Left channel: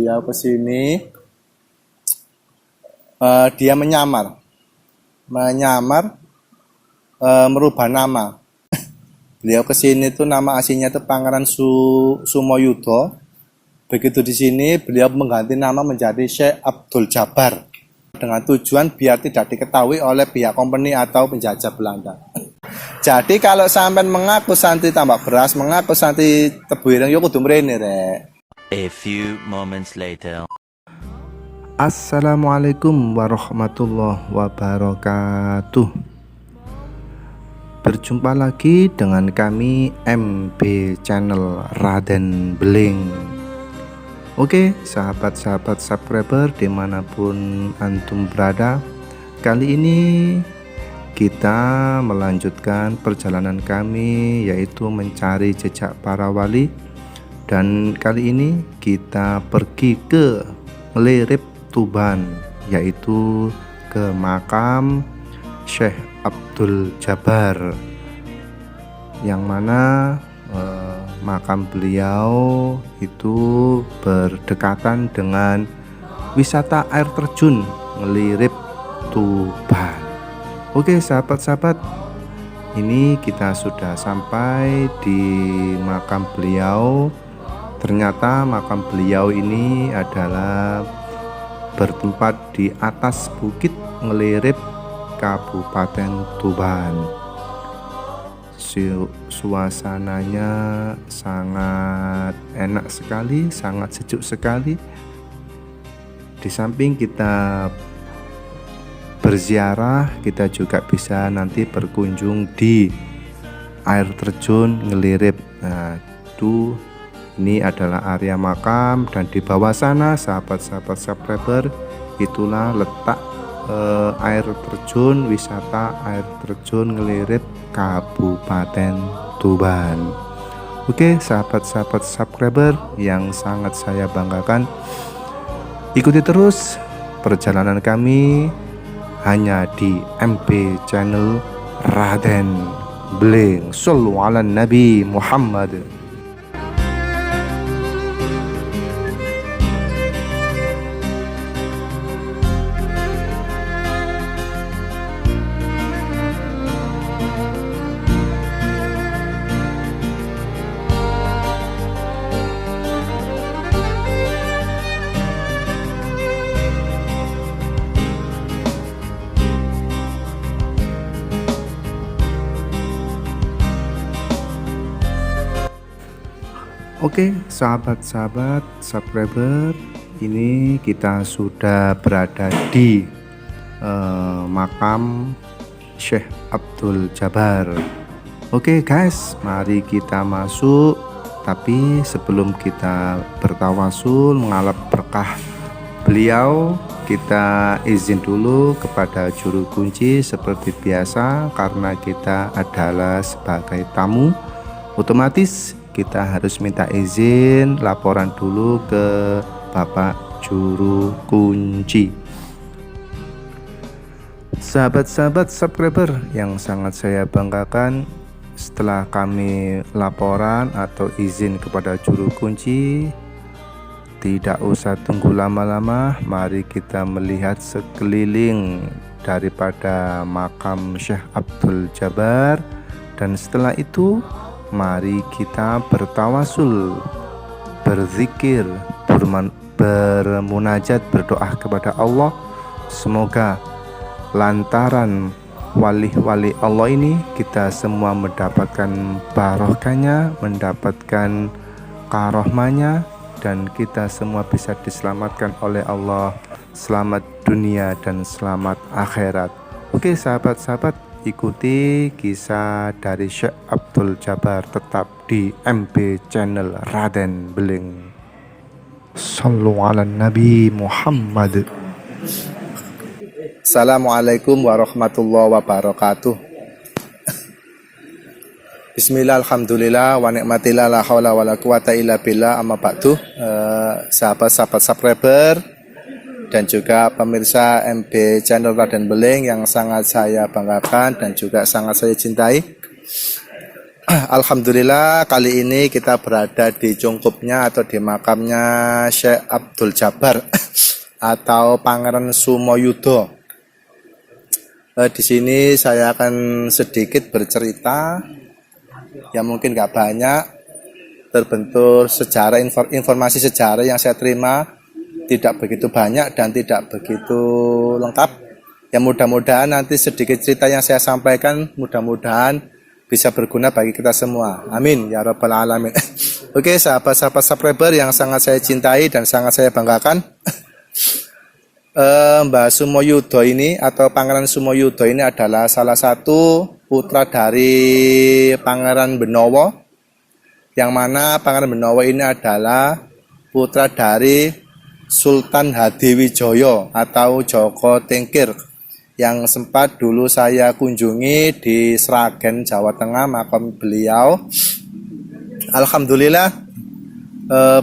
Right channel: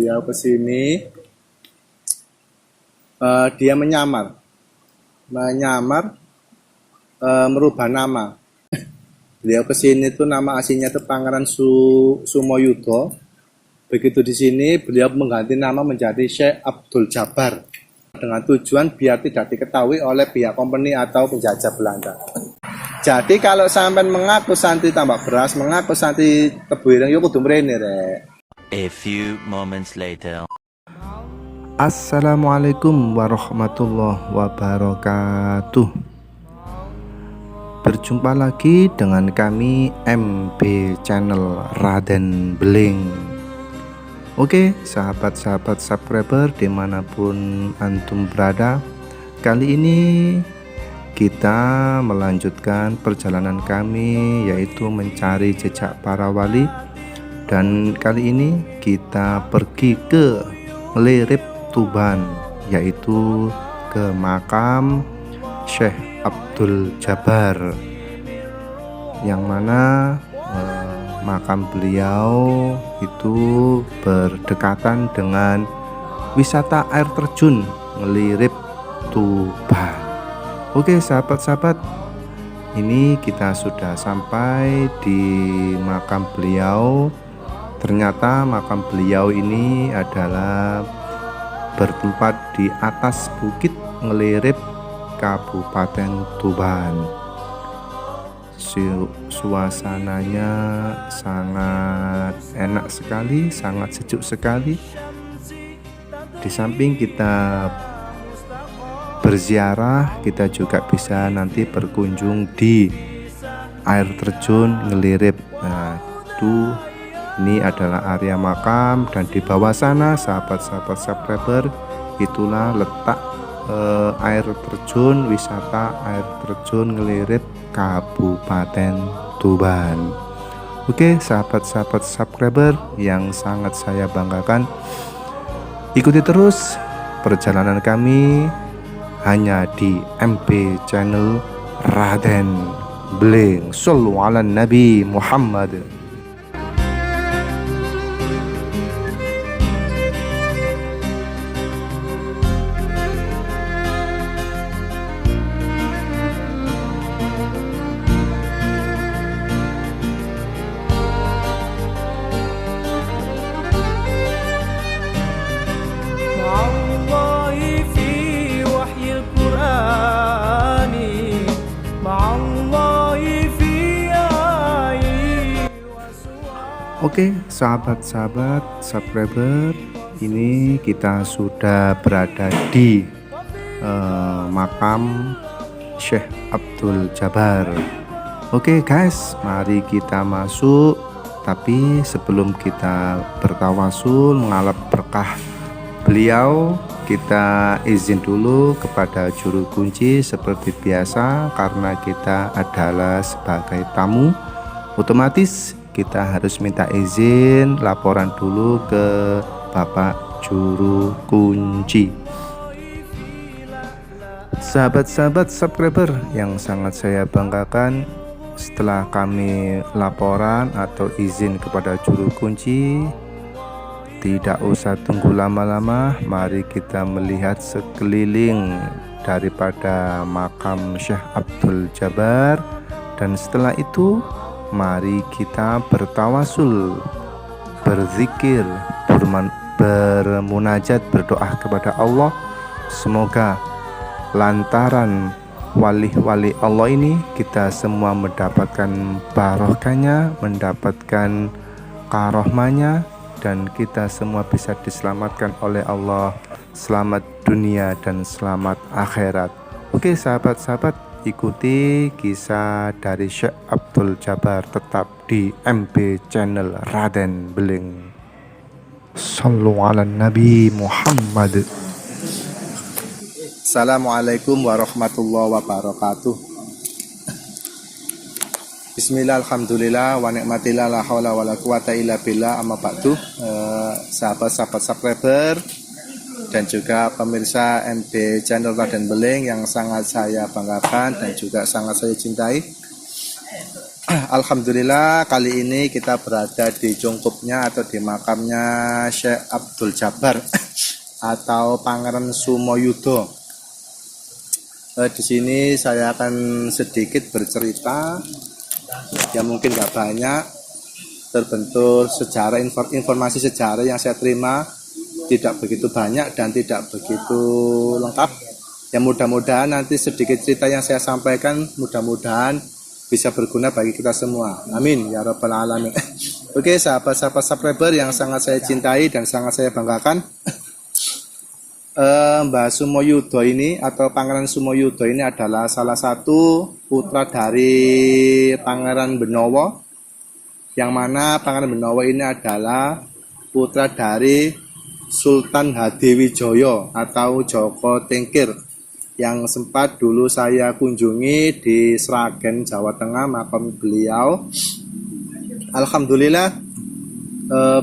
beliau ke sini, dia menyamar, merubah nama. Beliau ke sini tuh nama aslinya itu Pangeran Sumoyudo. Begitu di sini beliau mengganti nama menjadi Syekh Abdul Jabbar dengan tujuan biar tidak diketahui oleh pihak company atau penjajah Belanda. Jadi kalau sampean mengaku santri tambak beras, mengaku santri tebu ireng, yo kudu mrene rek. A few moments later. Assalamualaikum warahmatullahi wabarakatuh. Berjumpa lagi dengan kami MB Channel Raden Beling. Oke, sahabat-sahabat subscriber dimanapun antum berada, kali ini kita melanjutkan perjalanan kami, yaitu mencari jejak para wali. Dan kali ini kita pergi ke Ngelirip Tuban, yaitu ke makam Syekh Abdul Jabbar, yang mana makam beliau itu berdekatan dengan wisata air terjun Ngelirip Tuban. Oke sahabat-sahabat, ini kita sudah sampai di makam beliau. Ternyata makam beliau ini adalah bertempat di atas bukit Ngelirip, Kabupaten Tuban. Suasananya sangat enak sekali, sangat sejuk sekali. Di samping kita berziarah, kita juga bisa nanti berkunjung di air terjun Ngelirip. Nah, ini adalah area makam, dan di bawah sana sahabat-sahabat subscriber, itulah letak air terjun, wisata air terjun Ngelirip, Kabupaten Tuban. Oke sahabat-sahabat subscriber yang sangat saya banggakan, ikuti terus perjalanan kami hanya di MB Channel Raden Beling. Shallu ala Nabi Muhammad. Oke sahabat-sahabat subscriber, ini kita sudah berada di makam Syekh Abdul Jabbar. Oke guys, mari kita masuk. Tapi sebelum kita bertawasul mengalap berkah beliau, kita izin dulu kepada juru kunci seperti biasa, karena kita adalah sebagai tamu, otomatis kita harus minta izin laporan dulu ke Bapak Juru Kunci. Sahabat-sahabat subscriber yang sangat saya banggakan, setelah kami laporan atau izin kepada Juru Kunci, tidak usah tunggu lama-lama, mari kita melihat sekeliling daripada makam Syekh Abdul Jabbar. Dan setelah itu mari kita bertawasul, berzikir, bermunajat, berdoa kepada Allah. Semoga lantaran wali-wali Allah ini kita semua mendapatkan barokahnya, mendapatkan karohmanya, dan kita semua bisa diselamatkan oleh Allah, selamat dunia dan selamat akhirat. Oke sahabat-sahabat, ikuti kisah dari Syekh Abdul Jabbar tetap di MB Channel Raden Beling. Shallu ala Nabi Muhammad. Assalamualaikum warahmatullahi wabarakatuh. Bismillah, alhamdulillah, wa ni'matillah, la haula wa la quwata illa billah, amma ba'du. Sahabat-sahabat subscriber dan juga pemirsa MB Channel Raden Beling yang sangat saya banggakan dan juga sangat saya cintai. Alhamdulillah kali ini kita berada di cungkupnya atau di makamnya Syekh Abdul Jabbar atau Pangeran Sumoyudo. Di sini saya akan sedikit bercerita, ya mungkin nggak banyak, terbentur sejarah, informasi sejarah yang saya terima tidak begitu banyak dan tidak begitu lengkap. Ya mudah-mudahan nanti sedikit cerita yang saya sampaikan mudah-mudahan bisa berguna bagi kita semua. Amin ya rabbal alamin. Oke, sahabat-sahabat subscriber yang sangat saya cintai dan sangat saya banggakan. Mbah Sumoyudo ini atau Pangeran Sumoyudo ini adalah salah satu putra dari Pangeran Benowo, yang mana Pangeran Benowo ini adalah putra dari Sultan Hadiwijoyo atau Joko Tingkir, yang sempat dulu saya kunjungi di Sragen, Jawa Tengah, makam beliau. Alhamdulillah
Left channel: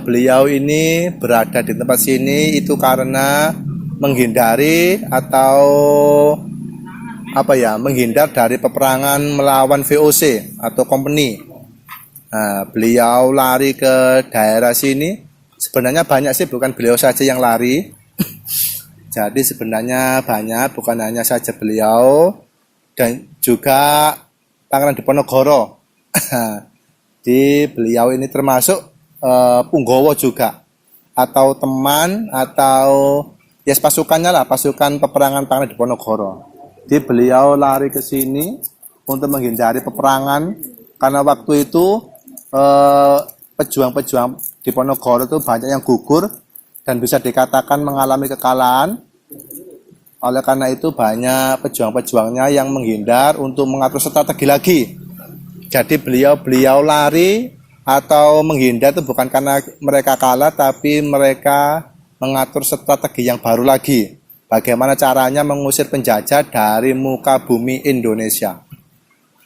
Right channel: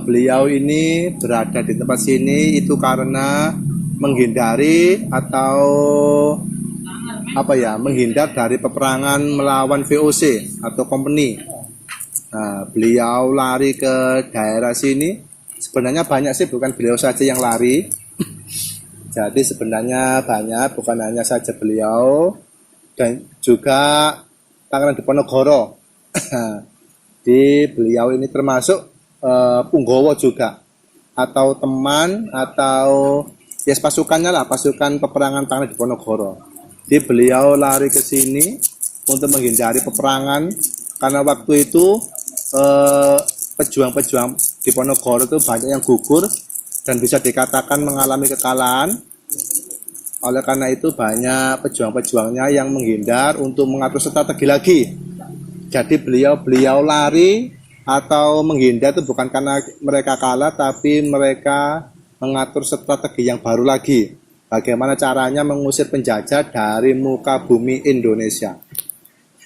beliau ini berada di tempat sini itu karena menghindari atau menghindar dari peperangan melawan VOC atau company. Beliau lari ke daerah sini. Sebenarnya banyak sih, bukan beliau saja yang lari. Jadi sebenarnya banyak, bukan hanya saja beliau dan juga Pangeran Diponegoro. Di beliau ini termasuk punggawa juga, atau teman, atau ya pasukannya lah, pasukan peperangan Pangeran Diponegoro. Di beliau lari ke sini untuk menghindari peperangan karena waktu itu pejuang-pejuang Diponegoro itu banyak yang gugur dan bisa dikatakan mengalami kekalahan. Oleh karena itu banyak pejuang-pejuangnya yang menghindar untuk mengatur strategi lagi. Jadi beliau lari atau menghindar itu bukan karena mereka kalah, tapi mereka mengatur strategi yang baru lagi. Bagaimana caranya mengusir penjajah dari muka bumi Indonesia.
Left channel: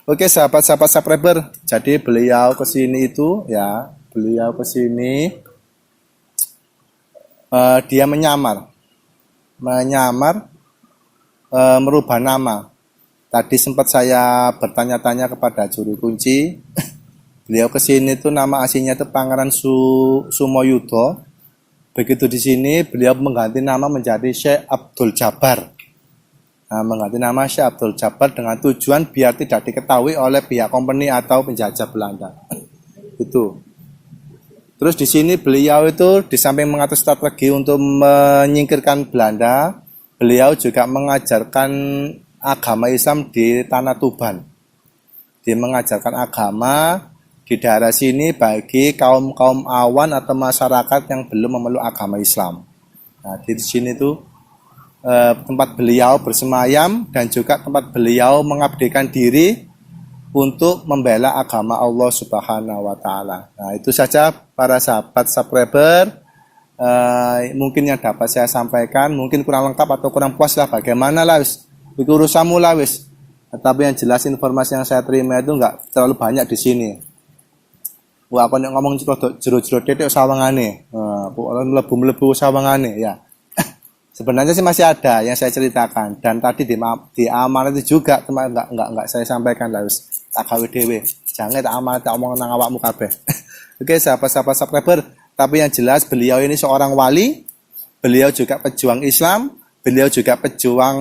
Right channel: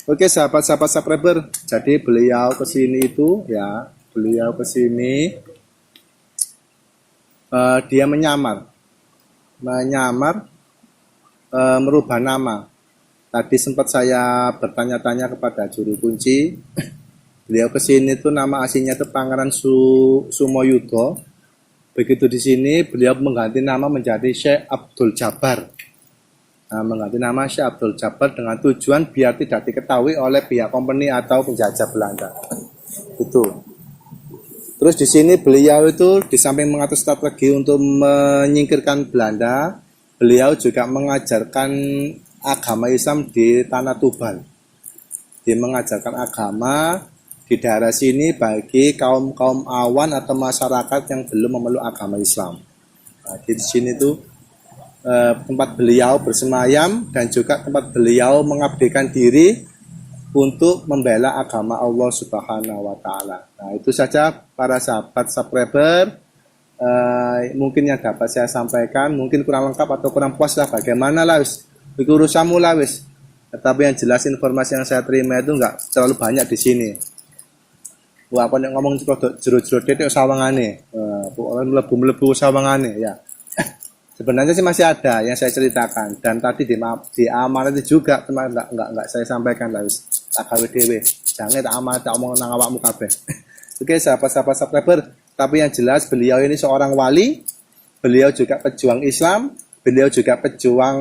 Oke, sahabat-sahabat subscriber. Jadi beliau kesini itu ya, beliau kesini dia menyamar merubah nama. Tadi sempat saya bertanya-tanya kepada juru kunci. Beliau kesini tuh nama aslinya itu Pangeran Sumoyudo. Begitu di sini beliau mengganti nama menjadi Syekh Abdul Jabbar. Mengganti nama Syekh Abdul Jabbar dengan tujuan biar tidak diketahui oleh pihak company atau penjajah Belanda. Itu. Terus di sini beliau itu di samping mengatur strategi untuk menyingkirkan Belanda, beliau juga mengajarkan agama Islam di Tanah Tuban. Dia mengajarkan agama di daerah sini bagi kaum awan atau masyarakat yang belum memeluk agama Islam. Nah, di sini tuh tempat beliau bersemayam dan juga tempat beliau mengabdikan diri untuk membela agama Allah Subhanahu wa Ta'ala. Nah, itu saja para sahabat subscriber. Mungkin yang dapat saya sampaikan, mungkin kurang lengkap atau kurang puas lah, bagaimana lah wis, urusanmu lah wis. Tapi yang jelas informasi yang saya terima itu enggak terlalu banyak di sini. Wah, aku ngomong jero-jero detik sawangane. Mlebu-mlebu sawangane ya. Sebenarnya sih masih ada yang saya ceritakan, dan tadi di amanat itu juga cuma enggak saya sampaikan lah wis. Tak gawe dhewe. Jangan tak amanat tak omong nang awakmu kabeh. Oke, sahabat-sahabat subscriber, tapi yang jelas beliau ini seorang wali, beliau juga pejuang Islam, beliau juga pejuang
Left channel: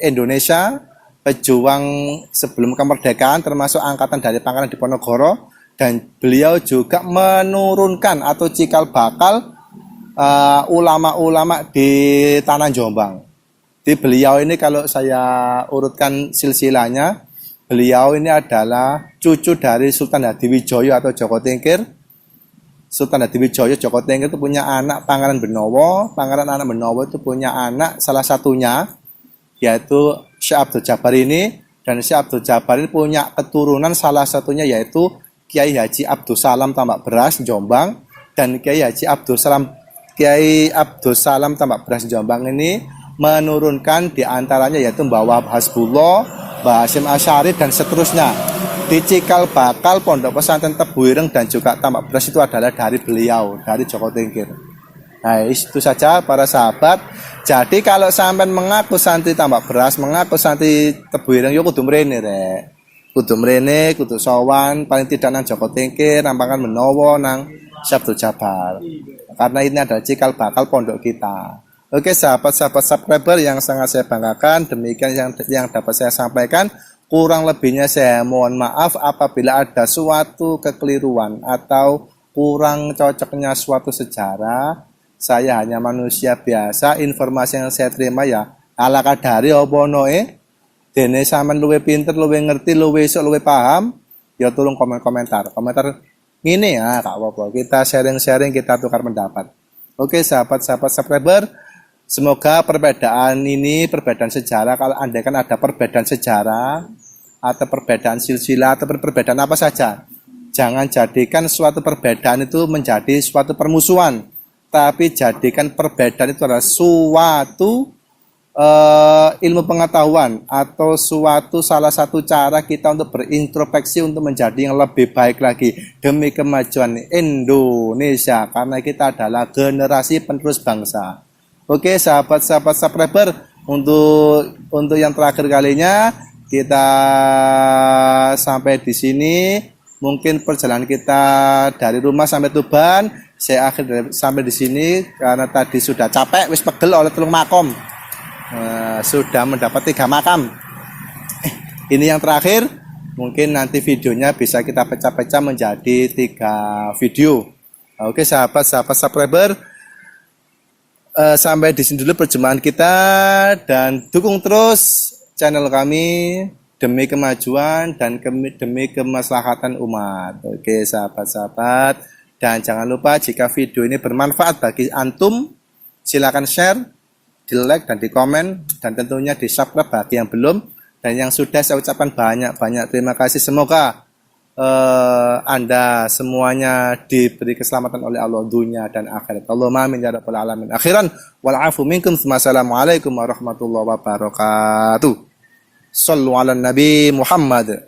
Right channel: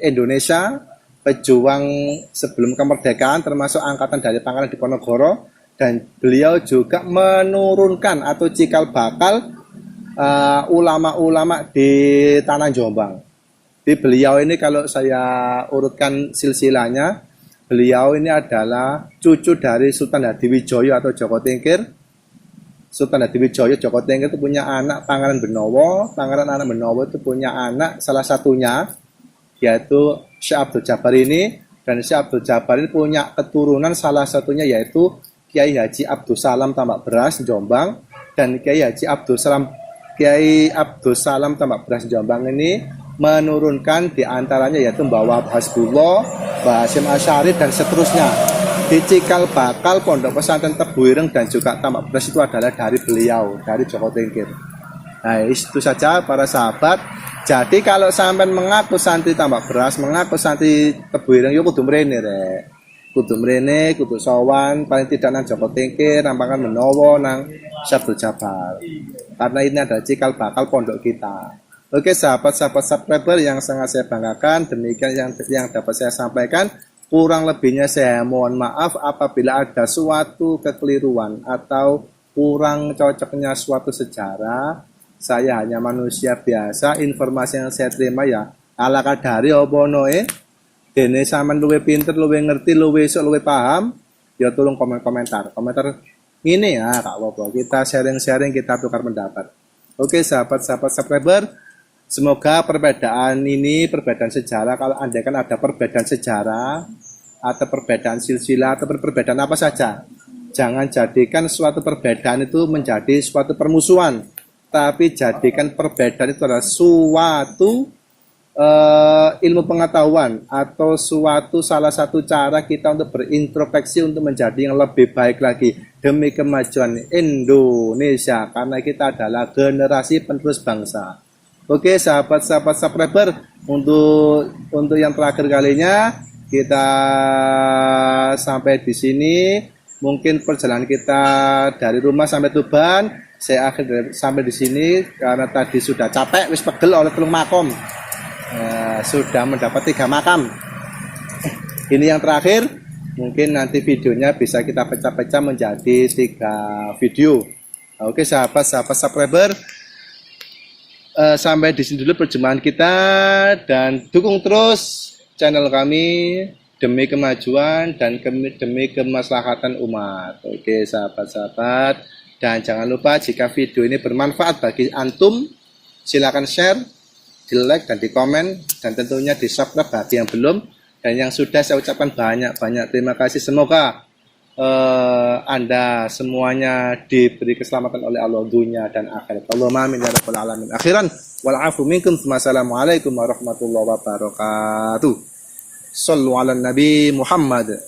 Indonesia, pejuang sebelum kemerdekaan termasuk angkatan dari Pangeran Diponegoro, dan beliau juga menurunkan atau cikal bakal ulama-ulama di tanah Jombang. Di beliau ini kalau saya urutkan silsilahnya, beliau ini adalah cucu dari Sultan Hadiwijoyo atau Joko Tingkir. Sultan Hadiwijoyo Joko Tingkir itu punya anak Pangeran Benowo. Pangeran anak Benowo itu punya anak salah satunya yaitu Syekh Abdul Jabbar ini, dan Syekh Abdul Jabbar ini punya keturunan salah satunya yaitu Kiai Haji Abdul Salam Tambak Beras Jombang, dan Kiai Abdul Salam Tambak Beras Jombang ini menurunkan diantaranya yaitu Mbah Wahab Hasbullah, Mbah Hasyim Asy'ari dan seterusnya. Di cikal bakal Pondok Pesantren Tebu Ireng dan juga Tambak Beras itu adalah dari beliau, dari Joko Tingkir. Nah, itu saja para sahabat. Jadi kalau sampai mengaku santri Tambak Beras, mengaku santri Tebu Ireng, yo kudu mrene rek. kudu mrene, kudu sowan, paling tidak nang Joko Tingkir, nampangan menawa nang Syekh Abdul Jabbar. Karena ini adalah cikal bakal pondok kita. Oke, sahabat-sahabat subscriber yang sangat saya banggakan, demikian yang dapat saya sampaikan. Kurang lebihnya saya mohon maaf apabila ada suatu kekeliruan atau kurang cocoknya suatu sejarah. Saya hanya manusia biasa, informasi yang saya terima ya ala kadari apa noe. Dene sampean luwih pinter, luwih ngerti, luwih esuk, luwih paham, ya tolong komentar. Komentar ngene ya, Kak apa-apa. Kita sharing-sharing, kita tukar pendapat. Oke, sahabat-sahabat subscriber, semoga perbedaan ini, perbedaan sejarah, kalau andai kan ada perbedaan sejarah atau perbedaan silsilah atau perbedaan apa saja, jangan jadikan suatu perbedaan itu menjadi suatu permusuhan, tapi jadikan perbedaan itu adalah suatu ilmu pengetahuan atau suatu salah satu cara kita untuk berintrospeksi untuk menjadi yang lebih baik lagi demi kemajuan Indonesia, karena kita adalah generasi penerus bangsa. Oke, sahabat-sahabat subscriber, untuk yang terakhir kalinya kita sampai di sini. Mungkin perjalanan kita dari rumah sampai Tuban saya akhir sampai di sini karena tadi sudah capek, wis pegel oleh telung makom. Sudah mendapat 3 makam. Ini yang terakhir, mungkin nanti videonya bisa kita pecah-pecah menjadi 3 video. Oke, sahabat-sahabat subscriber, sampai di sini dulu perjumpaan kita, dan dukung terus channel kami demi kemajuan dan demi kemaslahatan umat. Oke, sahabat-sahabat, dan jangan lupa jika video ini bermanfaat bagi antum, silakan share, di like dan di komen, dan tentunya di subscribe bagi yang belum, dan yang sudah saya ucapkan banyak-banyak terima kasih. Semoga Anda semuanya diberi keselamatan oleh Allah dunia dan akhirat. Allahumma amin ya rabbal alamin. Akhiran wal afu minkum. Wassalamualaikum warahmatullahi wabarakatuh. Sallu ala Nabi Muhammad.